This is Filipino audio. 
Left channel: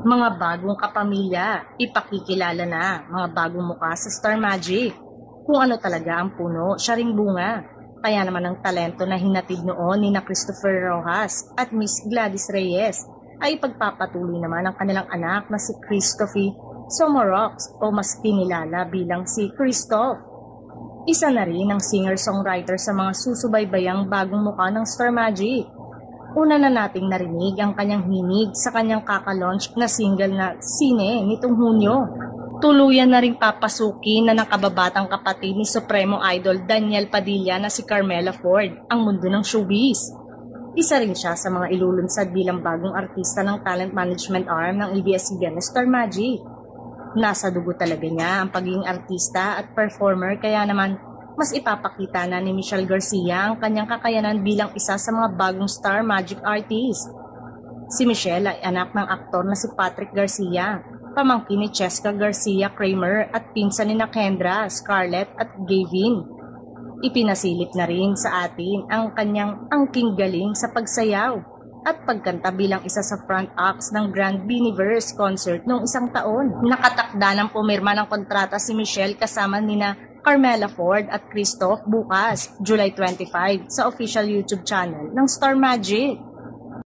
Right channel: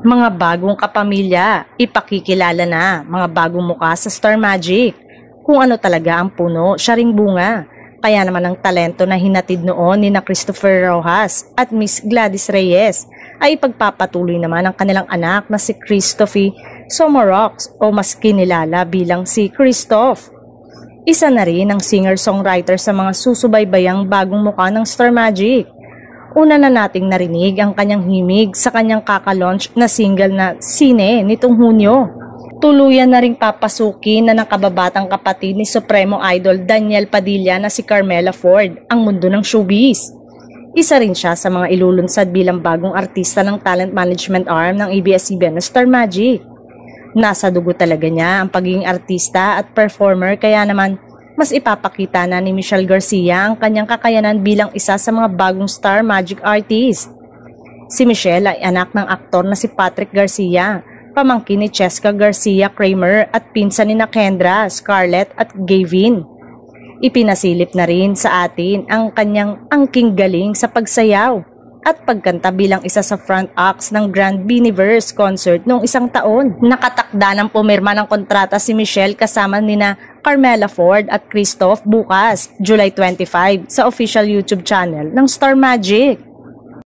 Mga bagong kapamilya, ipakikilala na mga bagong muka sa Star Magic. Kung ano talaga ang puno, siya ring bunga. Kaya naman ang talento na hinatid noon ni na Christopher Rojas at Miss Gladys Reyes ay ipagpapatuloy naman ang kanilang anak na si Christophy Somorox o mas kinilala bilang si Christoph. Isa na rin ang singer-songwriter sa mga susubaybayang bagong muka ng Star Magic. Una na nating narinig ang kanyang himig sa kanyang kakalaunch na single na Sine nitong Hunyo. Tuluyan na ring papasukin na nakababatang kapatid ni Supremo Idol Daniel Padilla na si Carmela Ford ang mundo ng showbiz. Isa rin siya sa mga ilulunsad bilang bagong artista ng talent management arm ng ABS-CBN na Star Magic. Nasa dugo talaga niya ang pagiging artista at performer kaya naman mas ipapakita na ni Michelle Garcia ang kanyang kakayanan bilang isa sa mga bagong Star Magic artist. Si Michelle ay anak ng aktor na si Patrick Garcia, pamangkin ni Cheska Garcia Kramer at pinsan ni Kendra, Scarlett at Gavin. Ipinasilip na rin sa atin ang kanyang angking galing sa pagsayaw at pagkanta bilang isa sa front acts ng Grand Biniverse concert noong isang taon. Nakatakda ng pumirma ng kontrata si Michelle kasama nina Carmela Ford at Christoph bukas, July 25, sa official YouTube channel ng Star Magic.